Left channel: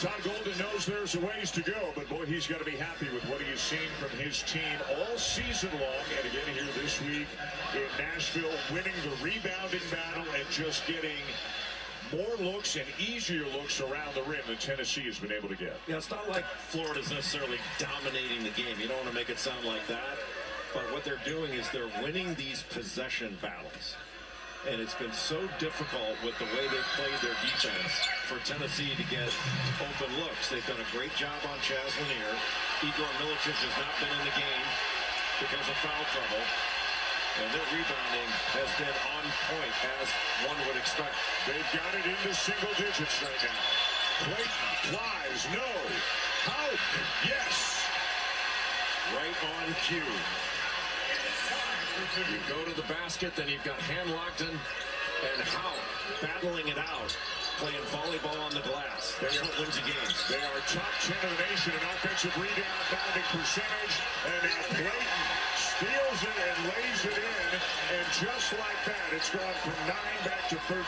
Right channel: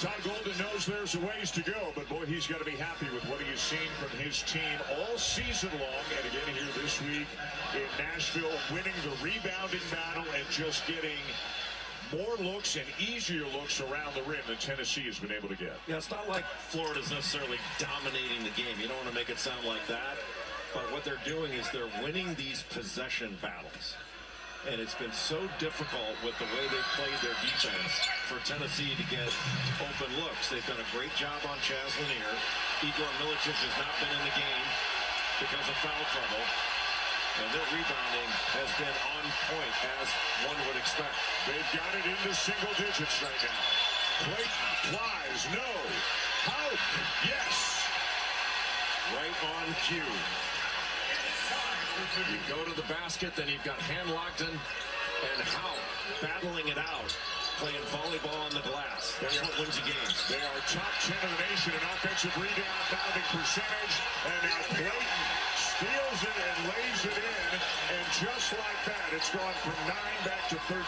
Todd Golden knows there's a ways to go, but boy, he's got to be happy with what he has seen from his team all season long. And again here this week in Nashville, winning the rebounding battle and just getting more looks and easier looks around the rim than Tennessee has been able to get. Yeah, it's not like Florida's necessarily dominating the game. You don't want to make it sound like that. But what they're doing is they're winning these possession battles. And it's been so difficult with the way they've played their defense for Tennessee to get open looks. They've done a great job on Chaz Lanier. Igor Milicic has not been in the game because of foul trouble. And their rebounding has been on point, as one would expect. They've got it into single digits right now. Clayton flies, no. Out, yes. Right on cue. You go to the basket, then you've got Hanlockton and Howe battling it out, playing volleyball on the glass. That's what wins you games. They are top 10 in the nation in offensive rebounding percentage. And now Clayton steals it and lays it in. And just like that, it's gone from 9 back to 13.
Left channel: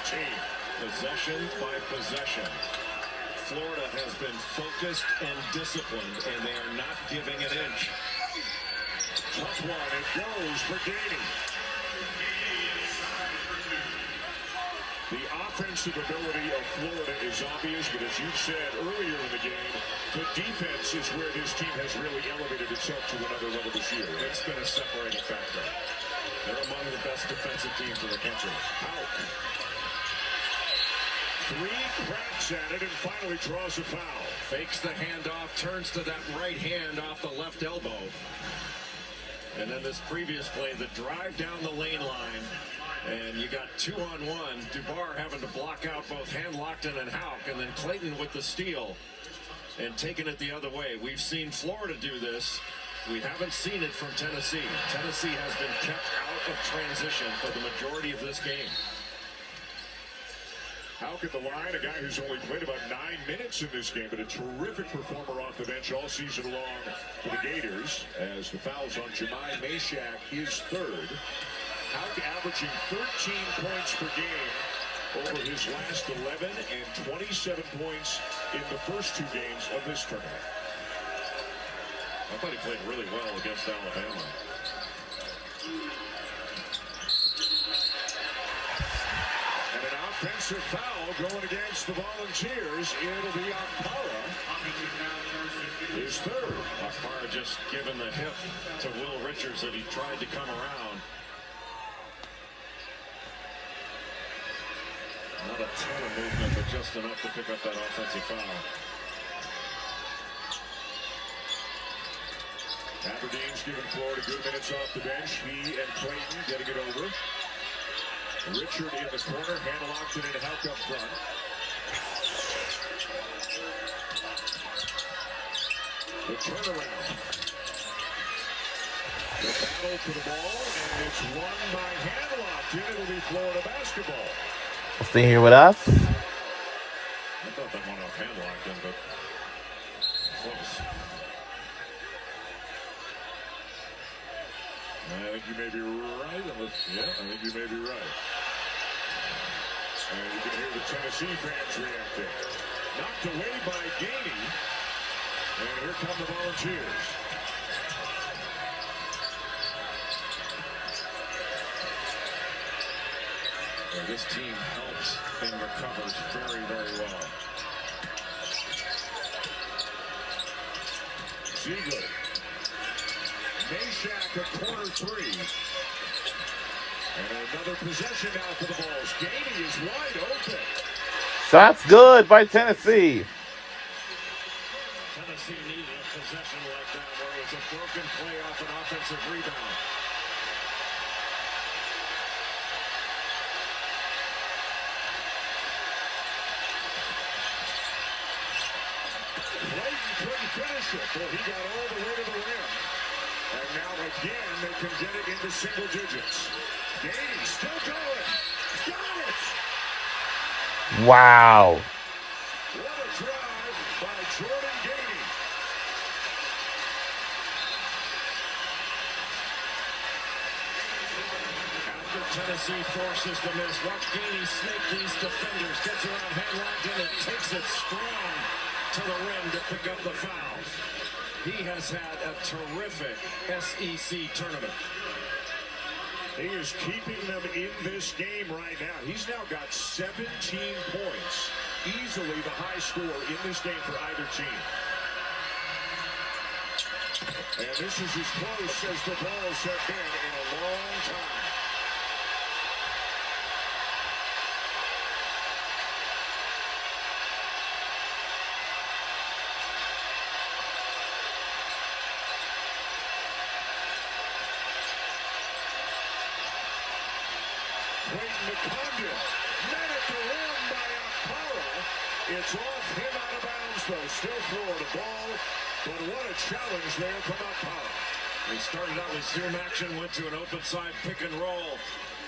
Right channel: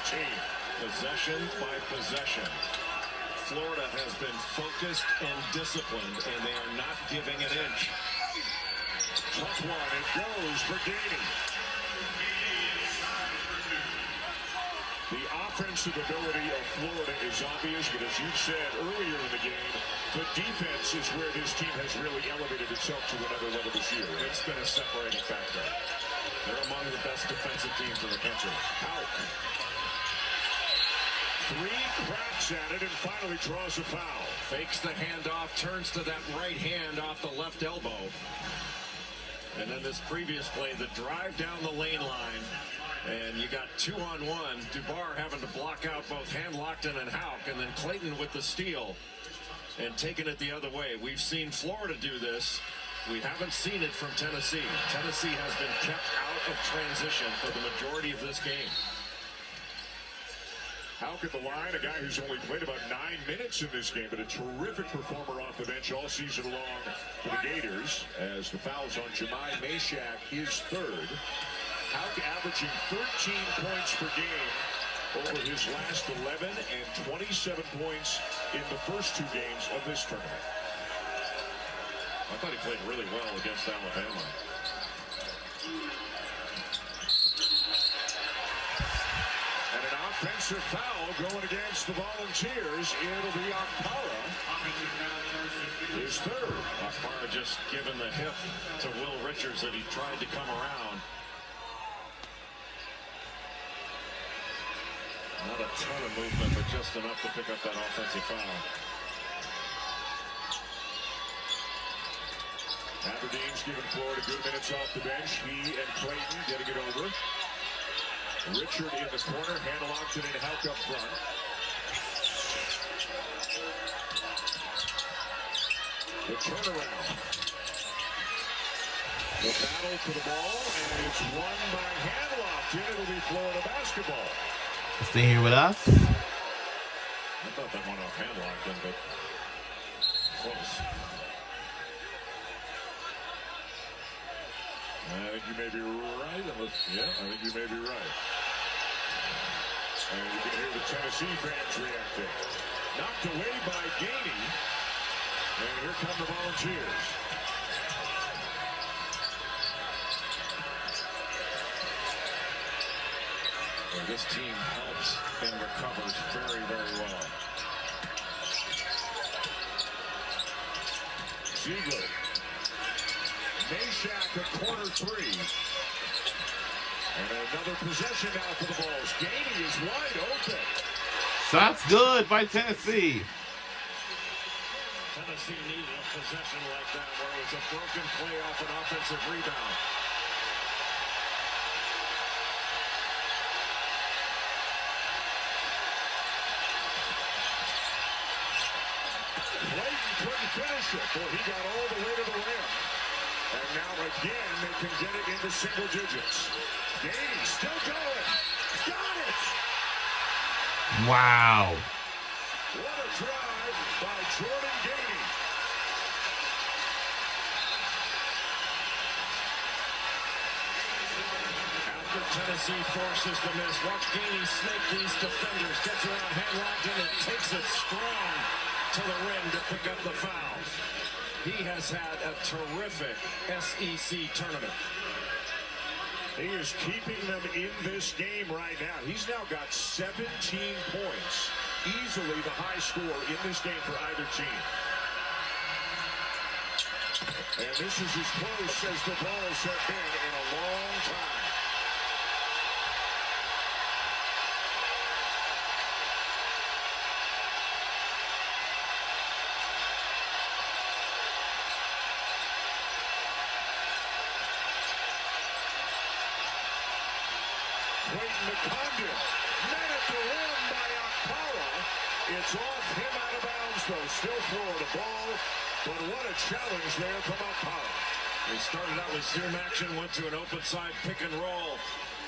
Possession by possession. Florida has been focused and disciplined, and they are not giving an inch. Tough one, it goes for Gainey. The offensive ability of Florida is obvious, but as you said earlier in the game, the defense is where this team has really elevated itself to another level this year. It's been a separating factor. They're among the best defensive teams in the country. Out. 3 cracks at it and finally draws a foul. Fakes the handoff, turns to that right hand off the left elbow. And then this previous play, the drive down the lane line, and you got 2-on-1. Dubar having to block out both Hanlockton and Houck, and then Clayton with the steal and taking it the other way. We've seen Florida do this. We haven't seen it from Tennessee. Tennessee has been kept out of transition for the majority of this game. Houck at the line, a guy who's only played about 9 minutes in this game, but a terrific performer off the bench all season long for the Gators, as the fouls on Jemai Mashack is third. Houck averaging 13 points per game over his last 11 and 27 points in the first 2 games of this tournament. I thought he played really well against Alabama. And an offensive foul going against the Volunteers. It'll be Okpara. His third. Okpara just given the hip to Will Richards that he tried to come around. Not a ton of movement, but just enough to pick up that offensive foul. Aberdeen's giving Florida good minutes off the bench. He and Clayton getting it over. Richard in the corner, Hanlockton and Houck up front. The turnaround. The battle for the ball, and it's won by Hanlockton. It'll be Florida basketball. Stay here with us. I thought that went off Hanlockton, but close. I think you may be right. Yeah, I think you may be right. And you can hear the Tennessee fans reacting. Knocked away by Gainey. And here come the Volunteers. And this team helps and recovers very, very well. Ziegler. Mashack a corner 3. And another possession now for the Vols. Gainey is wide open. Shots good by Tennessee. Tennessee needed a possession like that where it was a broken play off an offensive rebound. Clayton couldn't finish it. Well, he got all the way to the rim. And now again, they can get it into single digits. Gainey still going. Wow. What a drive by Jordan Gainey. After Tennessee forces the miss, watch Gainey snake these defenders. Gets around Hanlon and takes it strong to the rim to pick up the fouls. He has had a terrific SEC tournament. He is keeping them in this game right now. He's now got 17 points. Easily the high score in this game for either team. And this is as close as the Balls have been in a long time. Clayton McCondon, met at the rim by Okpara. It's off him out of bounds, though. Still Florida ball, but what a challenge there from Okpara. He started out with zoom action, went to an open side pick and roll,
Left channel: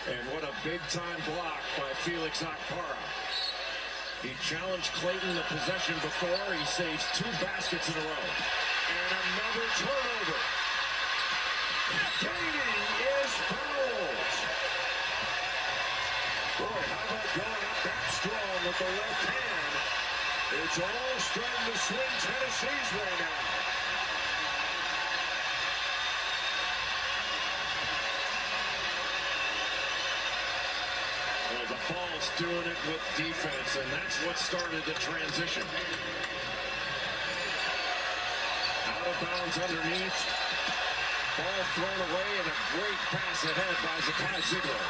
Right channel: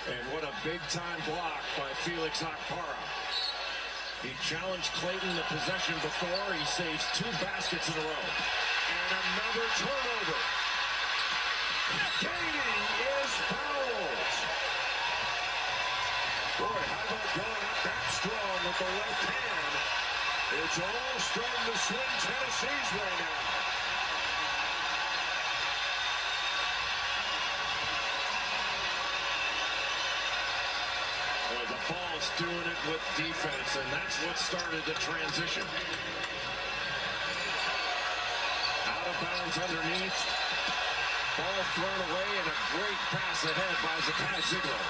and what a big-time block by Felix Okpara. He challenged Clayton the possession before. He saves 2 baskets in a row. And another turnover. Gainey is fouled. Boy, how about going up that strong with the left hand? It's all starting to swing Tennessee's way now. Well, the Falls doing it with defense, and that's what started the transition. Out of bounds underneath. Ball thrown away, and a great pass ahead by Zakat Ziegler.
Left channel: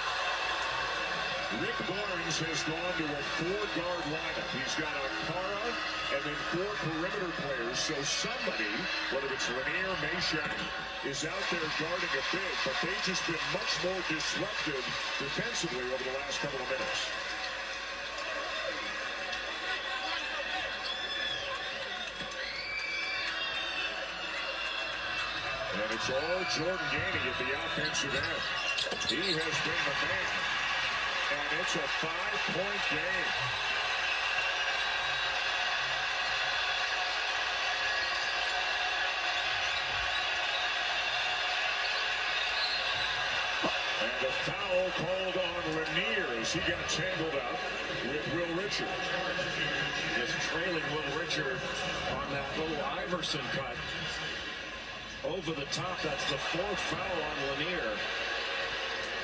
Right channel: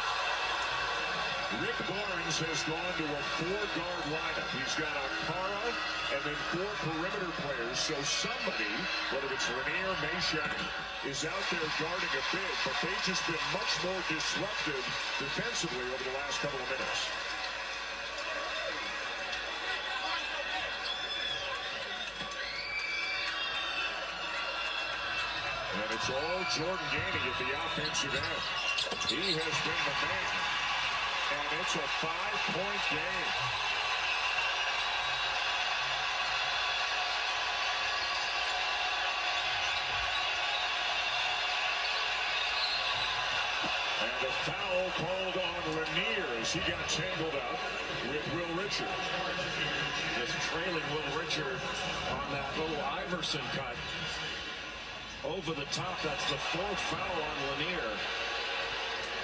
Rick Barnes has gone to a 4-guard lineup. He's got Okpara and then 4 perimeter players. So somebody, whether it's Lanier, Meshack, is out there guarding a big, but they've just been much more disruptive defensively over the last couple of minutes. And it's all Jordan Gainey at the offensive end. He has been the man. And it's a 5-point game. And a foul called on Lanier as he got tangled up with Will Richard. Just trailing Will Richard on that little Iverson cut. Over the top, that's the 4th foul on Lanier.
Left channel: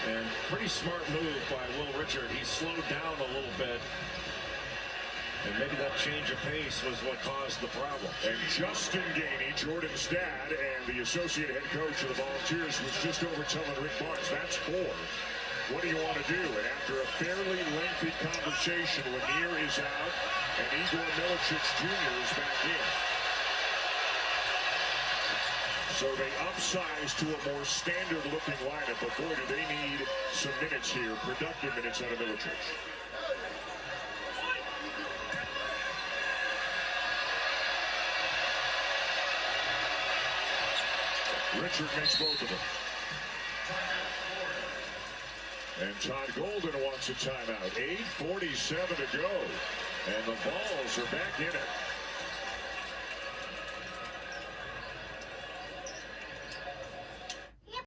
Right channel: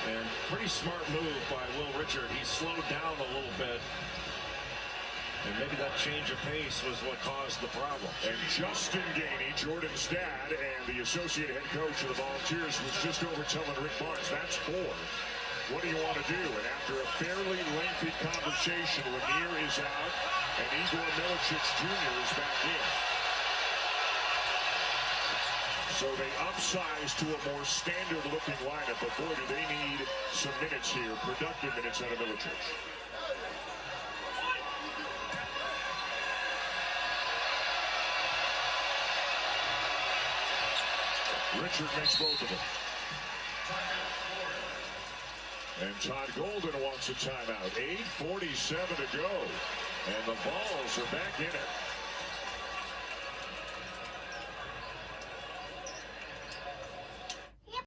And pretty smart move by Will Richard. He slowed down a little bit. And maybe that change of pace was what caused the problem. And Justin Gainey, Jordan's dad, and the associate head coach of the Volunteers was just over telling Rick Barnes, that's 4. What do you want to do? And after a fairly lengthy conversation, Lanier is out, and Igor Milicic Jr. is back in. So they upsize to a more standard-looking lineup, but boy, do they need some minutes here, productive minutes out of Milicic. Richard makes both of them. And Todd Golden wants a timeout. 8:47 to go, and the Balls are back in it.